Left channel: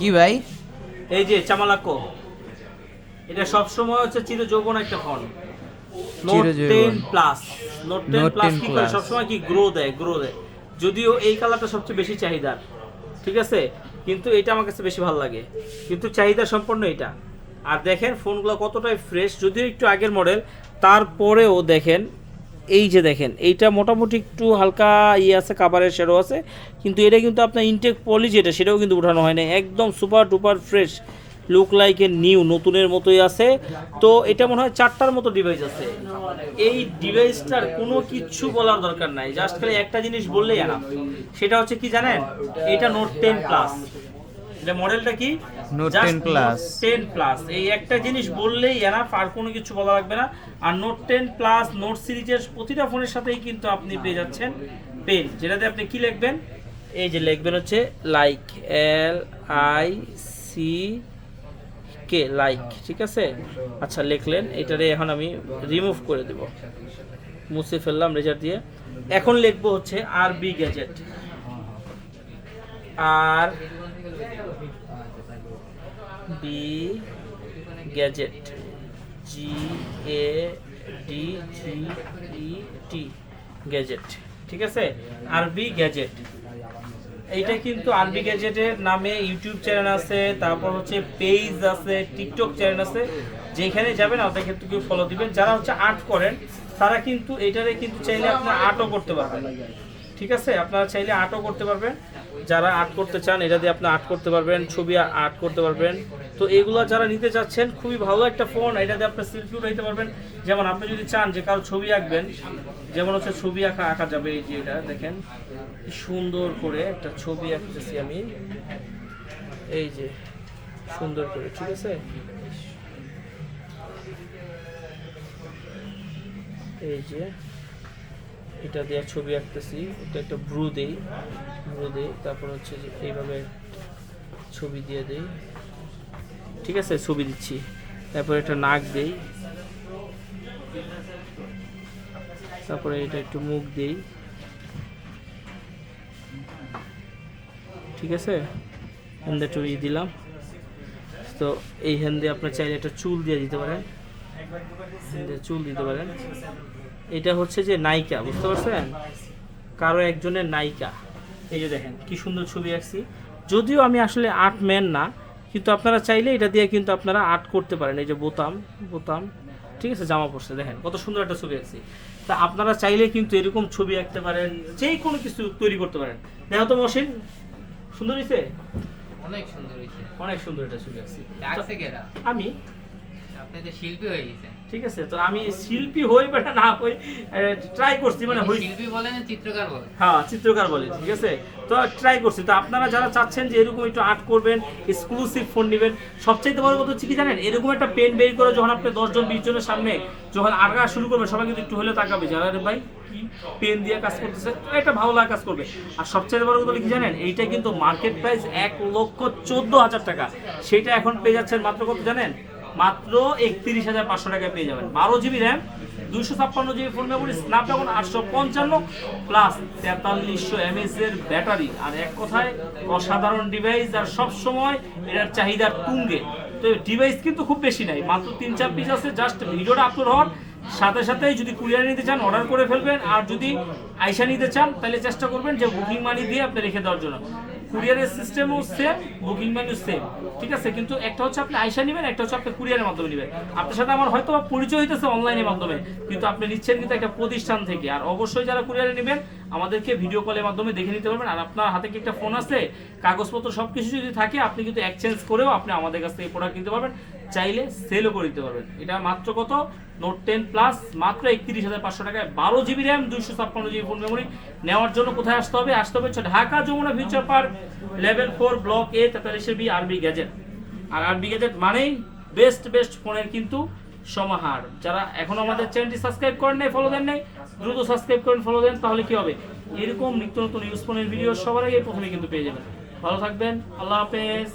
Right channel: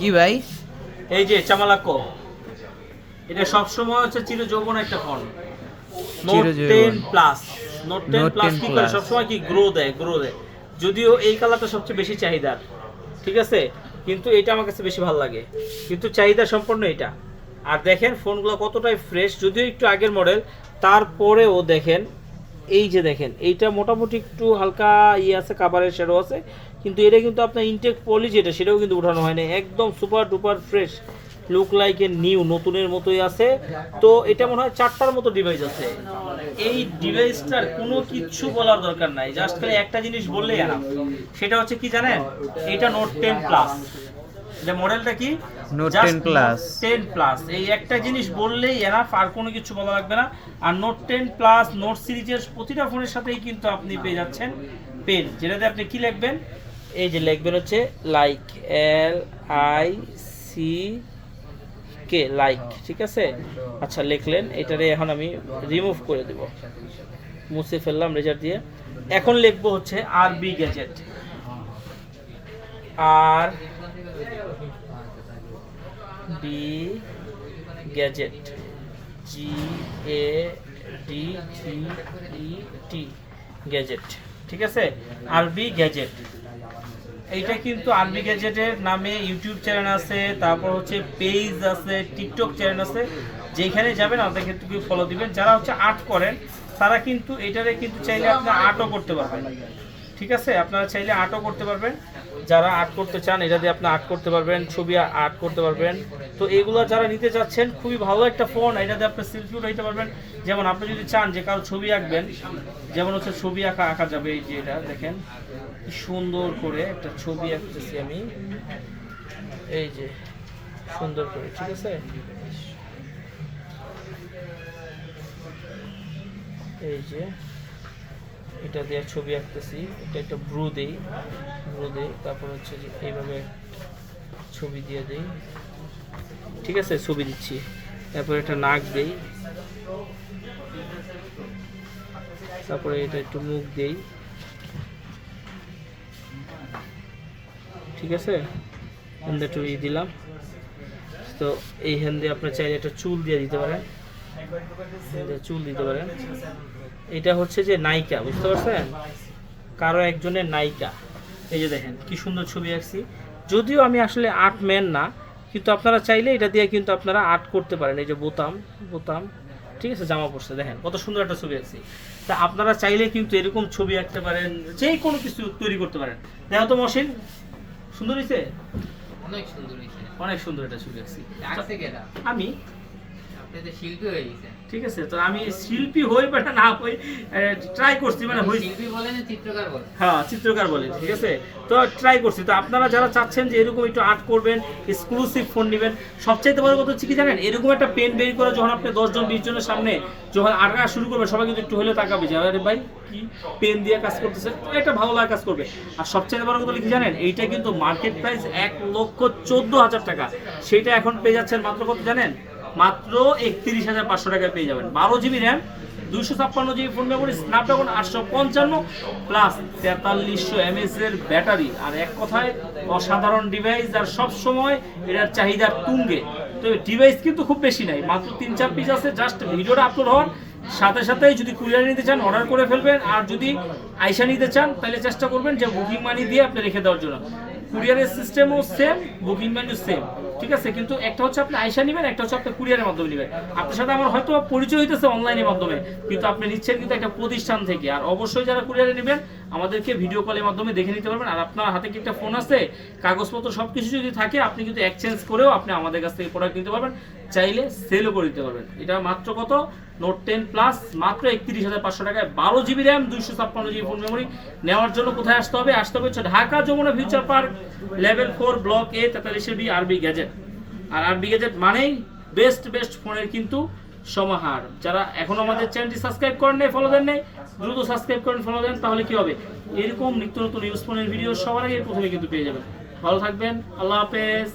কি ভাই? এই যে চামালাকো এটা সবসময় হচ্ছে চির যৌবন একটা phone note চিরযৌবন। Ten plus note ten Note plus কি করে Plus। সবসময় কি গ্রো দেয় গ্রো দেয়। যদিও এই কালারটা সবচেয়ে বেশি চাহিদার ঠিক আছে? কিন্তু এটা আমার কাছে বেশি ভালো লাগে। কিন্তু চাহিদা সম্পন্ন এটা। আর দেখেন ফোনগুলো কতটাই ফ্রেশ যদিও একটু আগের মডেল তারপরেও দেখেন এই যে দেখেন, এইটা মোটামুটি একটু হালকা ইয়ে আছে কাভারের শেডো আছে, কিন্তু এটা কিন্তু আপনার ইনটেক পলি যেটা সেটাও কিন্তু উঠানো হয় না একদম super duper fresh look like a new নতুনের মতোই আছে। তো এটা মনে হয় চারটার মতো ডিভাইস আছে। এই ডিভাইসটার কোনো কিচ্ছু বলার দরকার নাই জাস্ট খালি একটা জিনিস বললেই আনা সেটা হচ্ছে কি জানেন? এটা নোট টেন প্লাস এটা মডেলটা কি? Note 10 Plus। টেন প্লাস এই একটা জিনিস বললেই এনাফ আর কোনো কিছু বলা লাগবে না। আর নোট টেন প্লাস নোট সিরিজের প্রতিটা ফোনের সাথেই কিন্তু আপনি পেয়ে যাচ্ছেন পেন যেটাতে আপনি কি লিখবেন? এই যে লিখবেন হচ্ছে like L I C K like ঠিক আছে? আচ্ছা লিখলেন। এটারে এখন আমি রিমুভ করে দেব। মুছে ফেললাম রেজার দিয়ে। এখন লিখব হচ্ছে R B gadget R B gadget G A D G E T gadget ঠিক আছে? আরবি গ্যাজেট এইটা কিন্তু আরবি গ্যাজেটের নামে ইউটিউব চ্যানেল আছে, তারপর হচ্ছে পেজ আছে টিকটক চ্যানেল আছে। যেখানে যাবেন আপনাদের ক্ষেত্রে কেউ ফলো দিবেন। যারা হচ্ছে আর্ট করেন, তারা কিন্তু এটারে কিন্তু চাইলে আপনার আর্টও করতে পারবেন। ঠিক আছে? আপনারা চাইলে আর্টও করতে পারবেন। যারা আর্ট করতে চান, এটা দিয়ে আপনি আর্ট করতে পারবেন, ছবি আর্ট করতে পারবেন। তো এগুলো যারা নিতে চাচ্ছেন, খুবই ভালো একটা ফোন, এটা দিয়ে আপনি সেলফি উঠাইতে পারবেন। যেমন আপনি যদি চান যে কারও ছবি আঁকবেন, যেমন হচ্ছে ছবি আঁকা আঁকা যাবে এই যে এটা, দেখেন। সুন্দর করে একটা ছবি আঁকতেছি আমি। এই যে, সুন্দর করে, ঠিক আছে? এই যে এটা দিয়ে ছবি আঁকতেছি, এটা একটা ব্রু দেই ব্রু দেই, তারপর হচ্ছে যে এইভাবে ছবি দিয়ে দেই। ঠিক আছে, ছবি দিচ্ছি। তারপর একটা নাক দেই। তারপরে এটা একটু মুখ দেই। ঠিক আছে? হ্যান্ডে একটু ই দিলাম। তো এই হ্যান্ডে আপনার চাইলে একটা চুল দিয়ে দিতে পারেন। চুল দিতে পারেন। এটা হচ্ছে যে নায়িকা বুঝতে পারছেন? কারও একজনের নায়িকা। এই যে দেখেন কি সুন্দর ছবি আঁকছি। যদিও আমি আসলে আর্ট ম্যান না কিন্তু আপনারা চাইলে এটা দিয়ে কিন্তু আপনারা আর্ট করতে পারেন। এই যে বোতাম বোতাম ঠিক আছে জামা পড়ছে দেখেন কত সুন্দর একটা ছবি আঁকছি। তা আপনারা চাইলে কিন্তু এরকম ছবি আঁকতে পারেন যে কোনো কিছু তৈরি করতে পারেন। দেখো তো মসিন সুন্দর হয়েছে অনেক সুন্দর হয়েছে অনেক সুন্দর একটা ছবি আঁকছি। আমি? আপনি তো শিল্পী হয়ে গেছেন। ঠিক আছে তো আমি শিল্পী হই বা না হই ট্রাই করছি মানে হই শিল্পী বলেন চিত্রকার বলেন। হ্যাঁ চিত্রকার বলে ঠিক আছে? তো ট্রাই করছি তো আপনারা যারা চাচ্ছেন যে এরকম একটু আর্ট করবেন এক্সক্লুসিভ ফোন নেবেন সবচাইতে বড় কথা হচ্ছে কি জানেন এরকম একটা পেন বের করে যখন আপনি দশজন বিশ জনের সামনে যখন আঁকা শুরু করবেন সবাই কিন্তু একটু হলে তাকাবে যে আরে ভাই কি পেন দিয়ে কাজ করতেছে? এটা ভালো লাগা কাজ করবে। আর সবচেয়ে বড় কথা কি জানেন এইটা কিন্তু মার্কেট প্রাইস এক লক্ষ চোদ্দ হাজার টাকা। সেটা এখন পেয়ে যাচ্ছেন মাত্র কত জানেন? মাত্র একত্রিশ হাজার পাঁচশো টাকা পেয়ে যাবেন। বারো জিবি র্যাম দুশো ছাপ্পান্ন জিবি ফোন মেমোরি স্ন্যাপড্রাগন আটশো পঞ্চান্ন প্লাস তেতাল্লিশশো এমএস এর ব্যাটারি আর এক কথায়, অসাধারণ ডিভাইস আর সব সময় এটার চাহিদা তুঙ্গে। তো ডিভাইস কিন্তু খুব বেশি নাই, মাত্র তিন চার পিস আছে জাস্ট ভিডিওটা আপলোড হওয়ার সাথে সাথেই যদি কুরিয়ার নিতে চান অর্ডার করে ফেলবেন। আর যদি আইসা নিতে চান, তাহলে চেষ্টা করবেন যে বুকিং মানি দিয়ে আপনি রেখে দেওয়ার জন্য। কুরিয়ারের সিস্টেমও সেম বুকিং মানিও সেম ঠিক আছে? কিন্তু একটা হচ্ছে আপনি আইসা নেবেন, একটা হচ্ছে আপনি কুরিয়ারের মাধ্যমে নেবেন। আপনার সাথে আমার হয়তো পরিচয় হইতেছে অনলাইনের মাধ্যমে, কিন্তু আপনি নিচ্ছেন কিন্তু একটা প্রতিষ্ঠান থেকে। আর অবশ্যই যারা কুরিয়ারে নেবেন আমাদেরকে ভিডিও কলের মাধ্যমে দেখে নিতে পারবেন। আর আপনার হাতে কি একটা ফোন আছে, কাগজপত্র সব কিছু যদি থাকে, আপনি কিন্তু এক্সচেঞ্জ করেও আপনি আমাদের কাছ থেকে প্রোডাক্ট নিতে পারবেন। চাইলে সেলও করে দিতে পারবেন। এটা মাত্র কত? নোট টেন প্লাস মাত্র একত্রিশ হাজার পাঁচশো টাকায় বারো জিবি র্যাম দুইশো ছাপ্পান্ন জিবি ফোন মেমোরি নেওয়ার জন্য কোথায় আসতে হবে? আসতে হবে Dhaka Jamuna future park level four block A তেতাল্লিশের B RB gadget আর আরবি গ্যাজেট মানেই বেস্ট বেস্ট ফোনের কিন্তু সমাহার। যারা এখনও আমাদের চ্যানেলটি সাবস্ক্রাইব করেন নাই ফলো দেন নাই, দ্রুত সাবস্ক্রাইব করেন ফলো দেন, তাহলে কি হবে? এরকম নিত্য নতুন ইউজ ফোনের ভিডিও সবার আগে প্রথমে কিন্তু পেয়ে যাবেন। ভালো থাকবেন, আল্লাহ হাফেজ।